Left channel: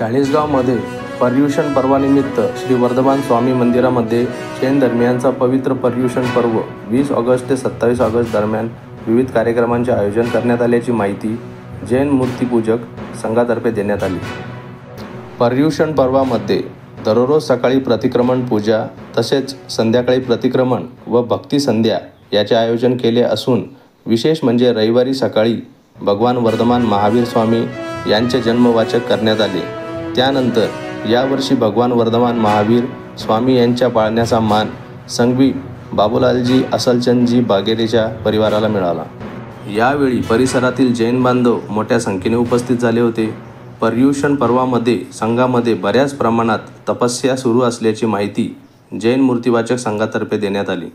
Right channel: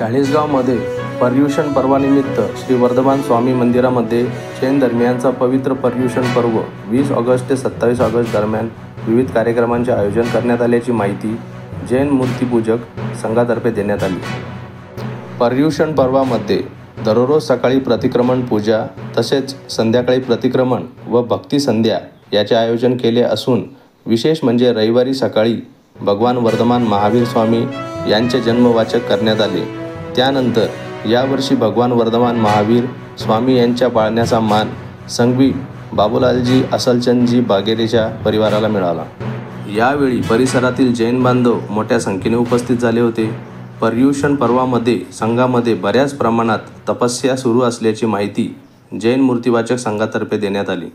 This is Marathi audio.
चाळीसगावमध्ये पर्युषण पर्वानिमित्त श्री वर्धमान स्वामी मंदिरामध्ये जैन धर्मियांचा पवित्र पर्युषण पर्व 20 ऑगस्ट ते 27 ऑगस्ट दरम्यान विविध कार्यक्रमांचे आयोजन करण्यात आल्याची माहिती जैन मूर्तिपूजक संघातर्फे देण्यात आली। पर्युषण पर्वामध्ये दररोज सकाळी प्रतिक्रमण पूजा तसेच संध्याकाळी प्रतिक्रमण व भक्ती संध्या याचे आयोजन केले असून विशेष म्हणजे रविवारी सकाळी भगवान वर्धमान महावीर स्वामी यांचे जन्मवाचक करण्यात आले। त्यानंतर यावर्षी भगवान वर्धमान महावीर स्वामी यांच्या पाळण्याचा मान संघवी बाबूलालजी असलचंदजी बागेलेच्या परिवाराला मिळाला। यावेळी परिसरातील जैन बांधव मोठ्या संख्येने उपस्थित झाले होते। पर्युषण पर्वामध्ये संघामध्ये बऱ्याच प्रमाणात तपस्या सुरू असल्याची माहिती जैन मूर्तिवाचक संघातर्फे देण्यात आली।